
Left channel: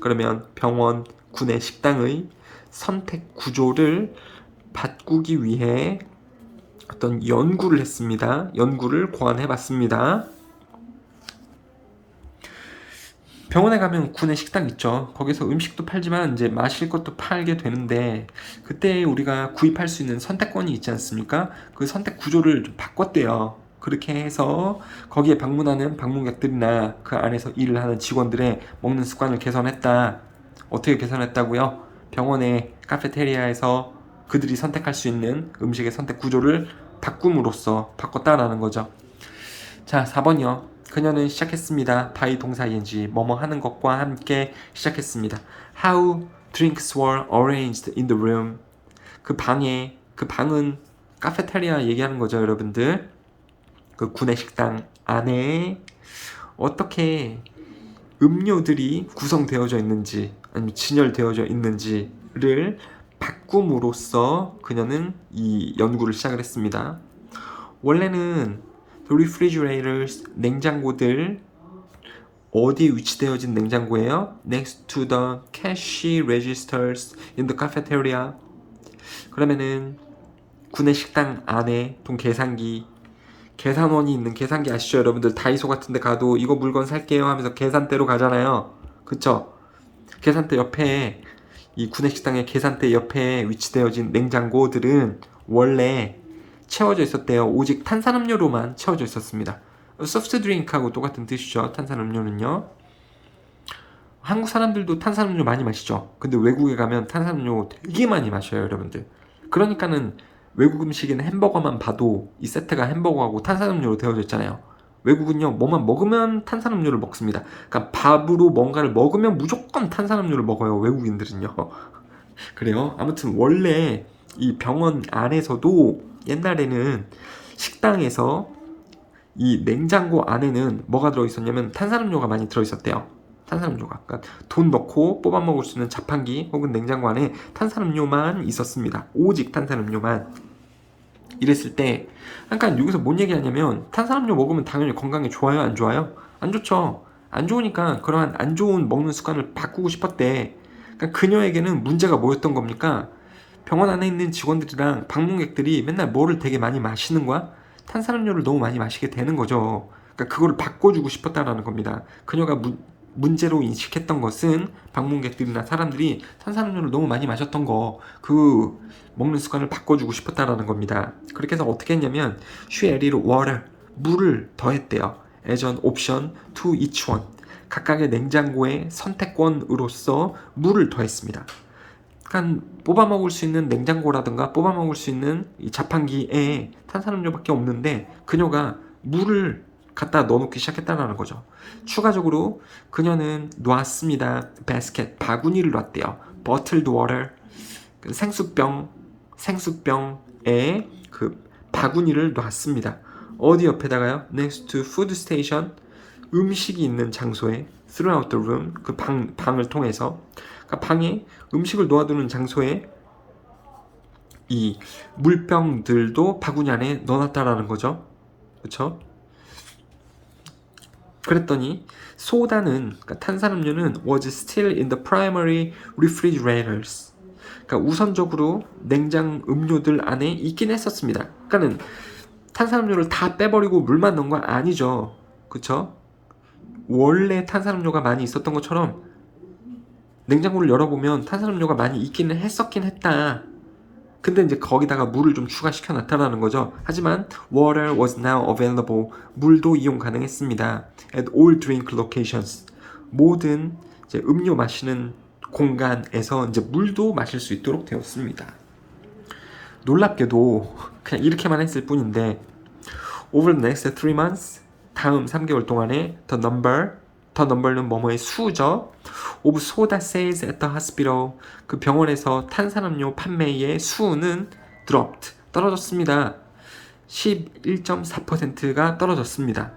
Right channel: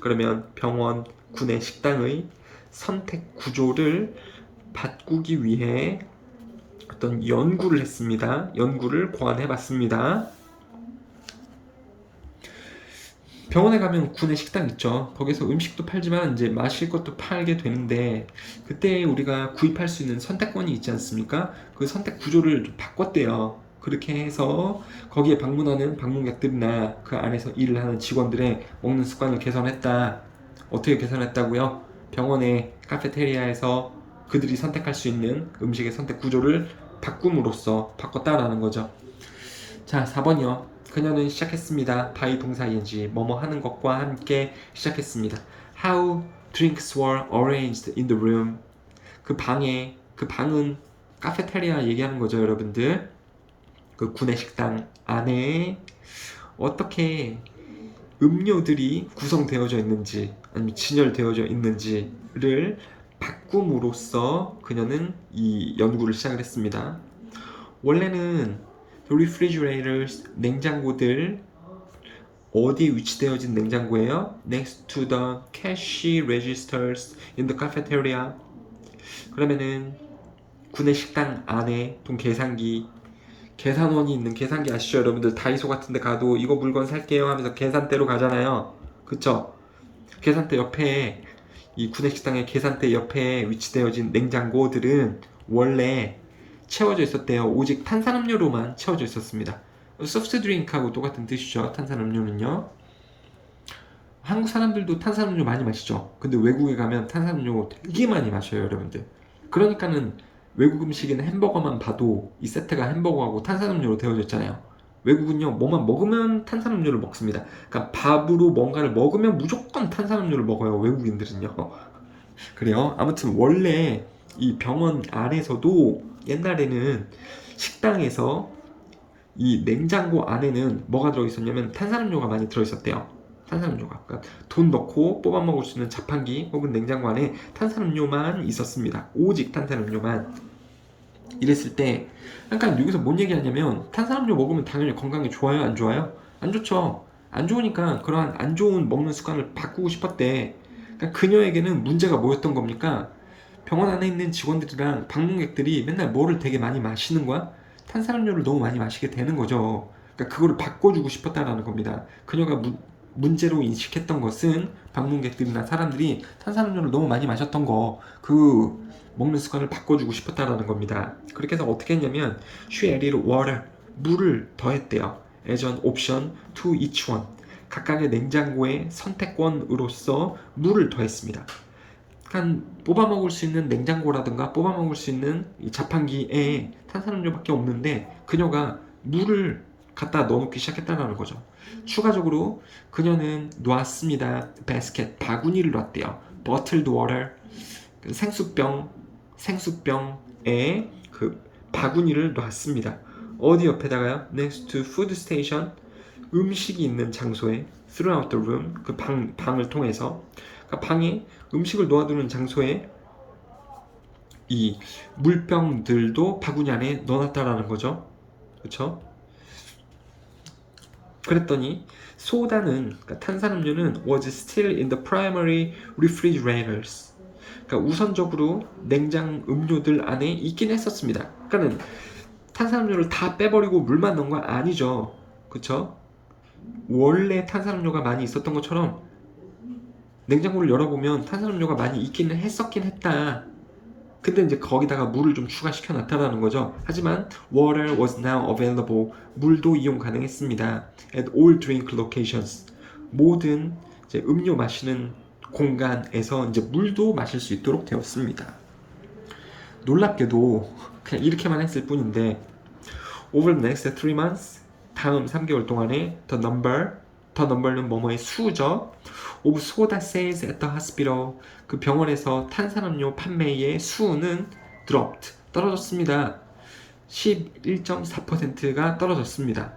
그러면 병원, 군의 식당의 선택 구조를 바꾸기 위해 어떤 연구를 했습니다. 연구를 고안해 봤습니다. 병원에 가면 군의 식당 있죠. 거기서 음식도 팔지만 이제 마실 것도 팔게 되는데 그때 우리가 구입할 수 있는 선택권이 있지 않습니까? 그 선택 구조를 좀 바꿨대요. 그렇게 해서 거기에 방문하는 방문객들이나 그 안에서 일을 하는 직원들의 먹는 습관을 개선했다. 어떻게 개선했다고요? 병원의 카페테리아에서 그들이 선택할 수 있는 음식의 선택 구조를 바꿈으로써 바꿨다라는 거죠. 자, 4번이요. 그녀는 시작했습니다. by 동사 ing, 뭐뭐 하는 것과 함께 시작했습니다. How drinks were arranged in the room. 그 방은 카페테리아 얘기하는 거죠, 여러분들. 그 구내식당 안에 어떻게 음료들이 구성되어져 있는지 아니면 진열되어져 있는지를 바꿈으로써 그녀는 이 연구를 시작을 했습니다. 원래는 refrigerators, 냉장고들 어디에 위치되어진 냉장고예요? Next to the cash registers in the cafeteria. 그러면은 구내식당 안에 돈 계산원이 있는 계산기 아시죠? 여러분들 다이소 같은 데 가도 이거 물건 살게요 하면서 계산대로 가잖아요. 그쵸? 계산대 옆에 이 구내식당의 계산대 옆에 위치되어진 냉장고들은 원래 채워져 있었대요. 오직 탄산음료로만 채워져 있었습니다. 소프트 드링크하고 똑같은 뜻이죠. 탄산음료는요. 한국 사람들도 탄산음료 많이 마시죠. 근데 외국에 가면 탄산음료 되게 많이 마셔요, 여러분들. 그러니까는 외국 음식에는 햄버거만 봐도 이 세트가 햄버거하고 탄산음료로 되어져 있잖아요. 외국은요, 뭐만 먹으면 탄산음료를 먹습니다. 그러니까 밥으로 뭔가를 먹으면 무조건 탄산음료를 먹어요, 외국인들은요. 그래요. 아무튼 원래 이 병원 안에서도 옛날에는 식당에서 이 냉장고 안에는 뭐가 들어있었냐면 탄산음료가 많이 들어있었대요. 탄산음료가. 그러니까 돈 넣고 뽑아 먹을 수 있는 자판기 혹은 냉장고 안에 탄산음료만 있었습니다. 오직 탄산음료만. 이랬을 때 그러니까 여기서 뭔 얘기하냐면 탄산음료 먹으면 당연히 건강에 좋아요? 안 좋아요? 안 좋죠. 안 좋으니까 그러한 안 좋은 먹는 습관을 바꾸고 싶었대. 그러니까 그녀에게는 문제가 뭐였던 겁니까? 병원 안에 있는 직원들이랑 방문객들이 맨날 뭐를 되게 많이 마시는 거야? 탄산음료를 너무 많이 마시게 되는 거죠. 그러니까 그거를 바꿔주고 싶었다라는 겁니다. 그녀가 문제로 인식했던 것은 방문객들이나 사람들이 탄산음료를 너무 많이 마셨던 거, 그 먹는 습관을 바꿔주고 싶었다라는 겁니다. 그렇게 해서 어떻게 했냐면 she added water, 물을 더했대요. as an option to each one, 각각의 냉장고의 선택권으로서 물을 더했습니다. 그러니까 뽑아 먹을 수 있는 냉장고라든가 뽑아 먹을 수 있는 이 자판기에 탄산음료밖에 없는데 그녀가 물을 갖다 넣어놓기 시작했다는 거죠. 추가적으로 그녀는 놨습니다. basket, 바구니를 놨대요. bottled water, 생수병에 그 바구니를 놨습니다. 어디 옆에다가요? next to food station, 음식이 있는 장소에 throughout the room, 그 방을 통해서 그러니까 방에 음식을 놓아두는 장소에 이 물병들도 바구니 안에 넣어놨다라는 거죠. 그렇죠? 그랬더니 소다는, 그러니까 탄산음료는 was still in the primary refrigerators. 그러니까 우선적으로 냉장 음료들 안에 있긴 했었습니다. 그러니까는 탄산음료를 다 빼버리고 물만 넣은 건 아니죠. 그쵸? 원래 탄산음료가 많이 있었던 것처럼 냉장고를 열어보면 탄산음료가 많이 있기는 했었긴 했다. 근데 이제 거기다가 물을 좀 추가시켜 놨다라는 거죠. 하지만 water was now available. 물도 이용 가능했습니다. at all drink locations. 모든 이제 음료 마시는 공간에서 이제 물도 마실 수 있도록 되었습니다. 놀랍게도 그냥 이렇게만 했을 뿐인데 over the next 3 months, 다음 3개월 동안에 the number는 뭐뭐의 수죠. of soda sales at the hospital, 그 병원에서 탄산음료 판매의 수는 dropped, 떨어졌습니다. 11.4%가 떨어졌습니다.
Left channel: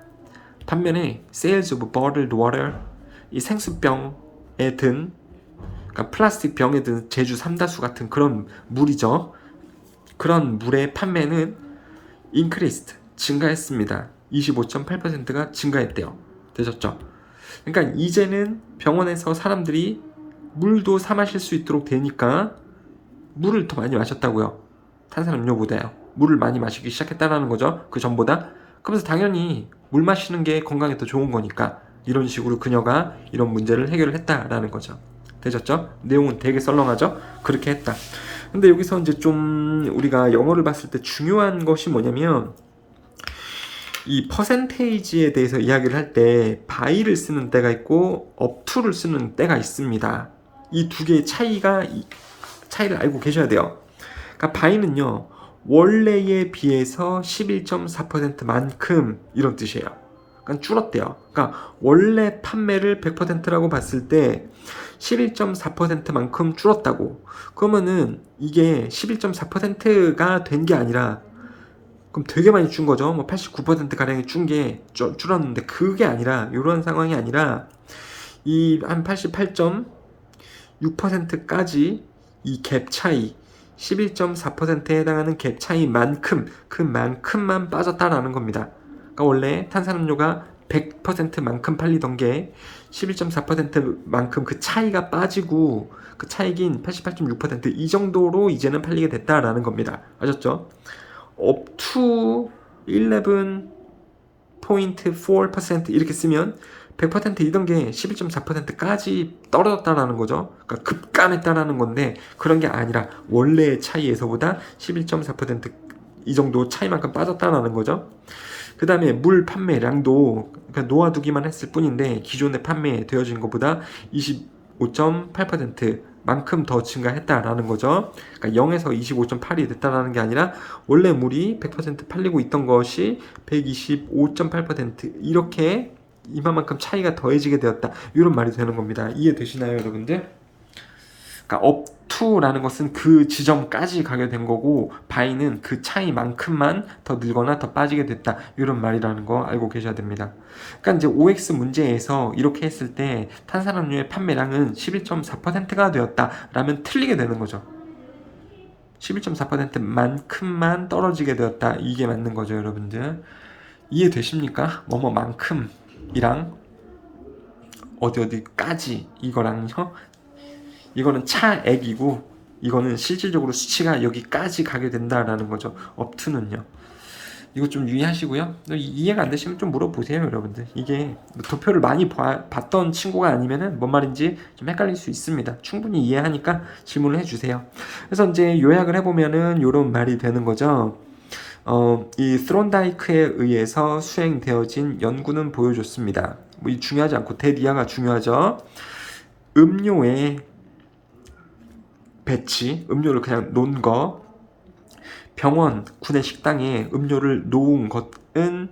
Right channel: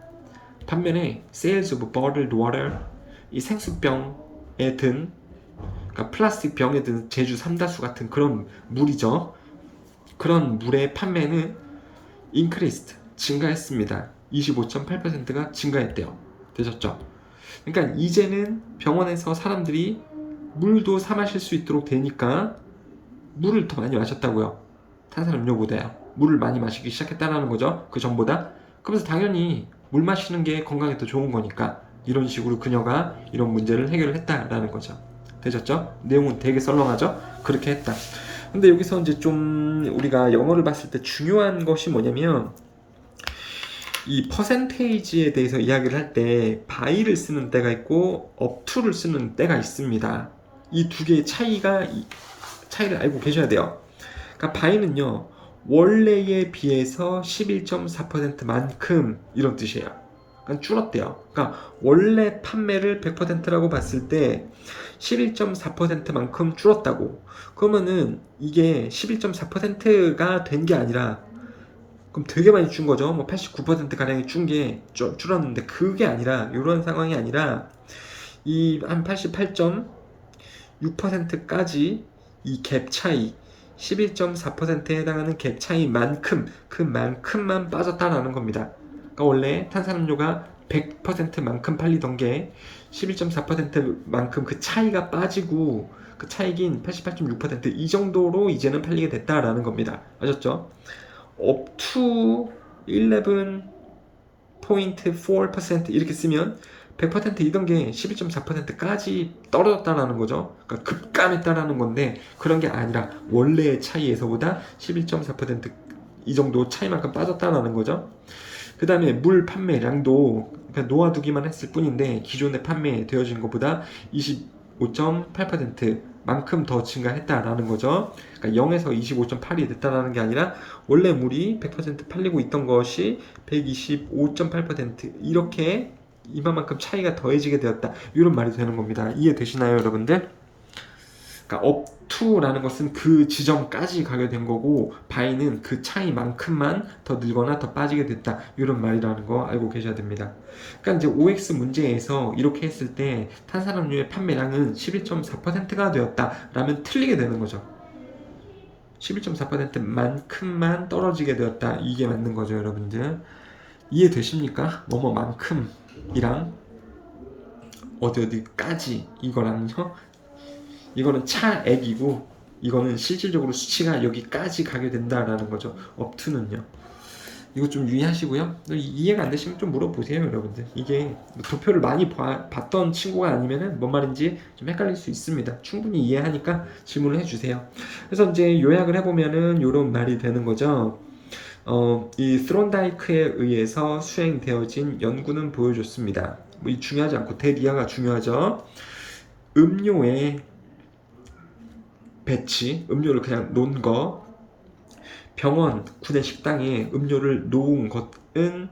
반면에 sales of bottled water, 이 생수병에 든, 그러니까 플라스틱 병에 든 제주 삼다수 같은 그런 물이죠. 그런 물의 판매는 increased, 증가했습니다. 25.8%가 증가했대요. 되셨죠? 그러니까 이제는 병원에서 사람들이 물도 사 마실 수 있도록 되니까 물을 더 많이 마셨다고요. 탄산음료보다요. 물을 많이 마시기 시작했다는 거죠. 그 전보다. 그러면서 당연히 물 마시는 게 건강에 더 좋은 거니까 이런 식으로 그녀가 이런 문제를 해결을 했다라는 거죠. 되셨죠? 내용은 되게 썰렁하죠? 그렇게 했다. 근데 여기서 이제 좀 우리가 영어를 봤을 때 중요한 것이 뭐냐면 이 퍼센테이지에 대해서 이야기를 할 때 by를 쓰는 때가 있고 up to를 쓰는 때가 있습니다. 이 두 개의 차이를 알고 계셔야 돼요. 그러니까 by는요, 원래에 비해서 11.4%만큼 이런 뜻이에요. 그러니까 줄었대요. 그러니까 원래 판매를 100%라고 봤을 때 11.4%만큼 줄었다고. 그러면은 이게 11.4%가 된 게 아니라 그럼 되게 많이 준 거죠. 뭐 89% 가량이 준 게 줄었는데 그게 아니라 이런 상황이 아니라 이 한 88.6%까지 이 갭 차이 11.4%에 해당하는 갭 차이만큼 그만큼만 빠졌다라는 겁니다. 그러니까 원래 탄산음료가 100%만큼 팔리던 게 11.4%만큼 그 차이가 빠지고 그 차익인 88.6%이 정도로 이제는 팔리게 됐다라는 겁니다. 아셨죠? up to 11.4% 이렇게 쓰면 100%이던 게 11.4%까지 떨어졌다라는 거죠. 그러니까 급감했다라는 건데 그런 게 아니라 원래의 차이에서보다 11.4%이 정도 차이만큼 빠졌다라는 거죠. 그 다음에 물 판매량도 그냥 놓아두기만 했을 뿐인데 기존에 판매되어진 것보다 25.8% 만큼 더 증가했다라는 거죠. 그러니까 0에서 25.8이 됐다라는 게 아니라 원래 물이 100% 팔리고 있던 것이 125.8% 이렇게 이만큼 차이가 더해지게 되었다. 이런 말이 되는 겁니다. 이해되시나요, 여러분들? 그러니까 up to라는 것은 그 지점까지 가게 된 거고 by는 그 차이만큼만 더 늘거나 더 빠지게 됐다. 이런 말이라는 거 알고 계셔야 됩니다. 그러니까 이제 OX 문제에서 이렇게 했을 때 탄산음료의 판매량은 11.4%가 되었다라면 틀리게 되는 거죠. 11.4%만큼만 떨어지게 되었다. 이게 맞는 거죠, 여러분들. 이해되십니까? 뭐뭐만큼이랑 어디까지 이거랑요. 이거는 차액이고 이거는 실질적으로 수치가 여기까지 가게 된다라는 거죠. up to는요. 이거 좀 유의하시고요. 이해가 안 되시면 좀 물어보세요, 여러분들. 이게 도표를 많이 봤던 친구가 아니면은 뭔 말인지 좀 헷갈릴 수 있습니다. 충분히 이해하니까 질문을 해주세요. 그래서 이제 요약을 해보면은 이런 말이 되는 거죠. 이 스론다이크에 의해서 수행되어진 연구는 보여줬습니다. 뭐 이 중요하지 않고 대리아가 중요하죠. 음료의 배치, 음료를 그냥 놓은 거, 병원, 구내 식당에 음료를 놓은 것은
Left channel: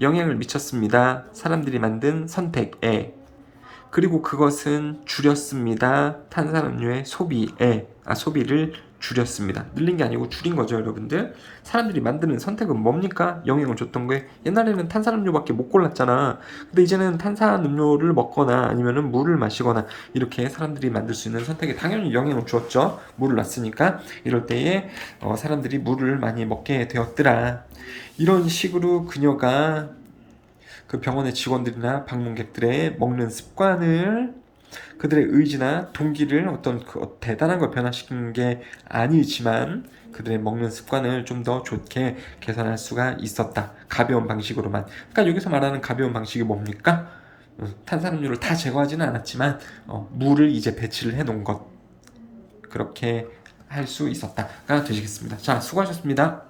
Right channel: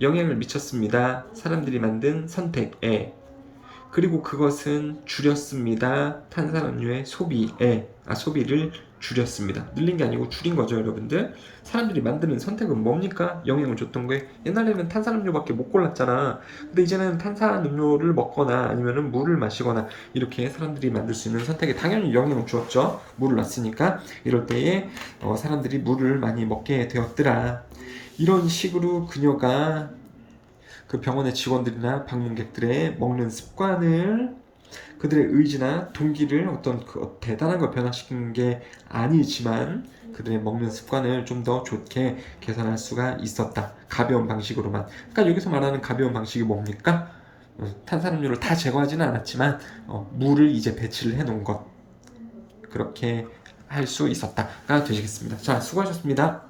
영향을 미쳤습니다. 사람들이 만든 선택에. 그리고 그것은 줄였습니다. 탄산음료의 소비를 줄였습니다. 늘린 게 아니고 줄인 거죠, 여러분들. 사람들이 만드는 선택은 뭡니까? 영향을 줬던 게 옛날에는 탄산음료밖에 못 골랐잖아. 근데 이제는 탄산음료를 먹거나 아니면은 물을 마시거나 이렇게 사람들이 만들 수 있는 선택에 당연히 영향을 주었죠. 물을 놨으니까 이럴 때에 사람들이 물을 많이 먹게 되었더라. 이런 식으로 그녀가 그 병원의 직원들이나 방문객들의 먹는 습관을 그들의 의지나 동기를 어떤 대단한 걸 변화시키는 게 아니지만 그들의 먹는 습관을 좀 더 좋게 개선할 수가 있었다. 가벼운 방식으로만. 그러니까 여기서 말하는 가벼운 방식이 뭡니까? 탄산음료를 다 제거하지는 않았지만 물을 이제 배치를 해놓은 것 그렇게 할 수 있었다가 되시겠습니다. 자, 수고하셨습니다.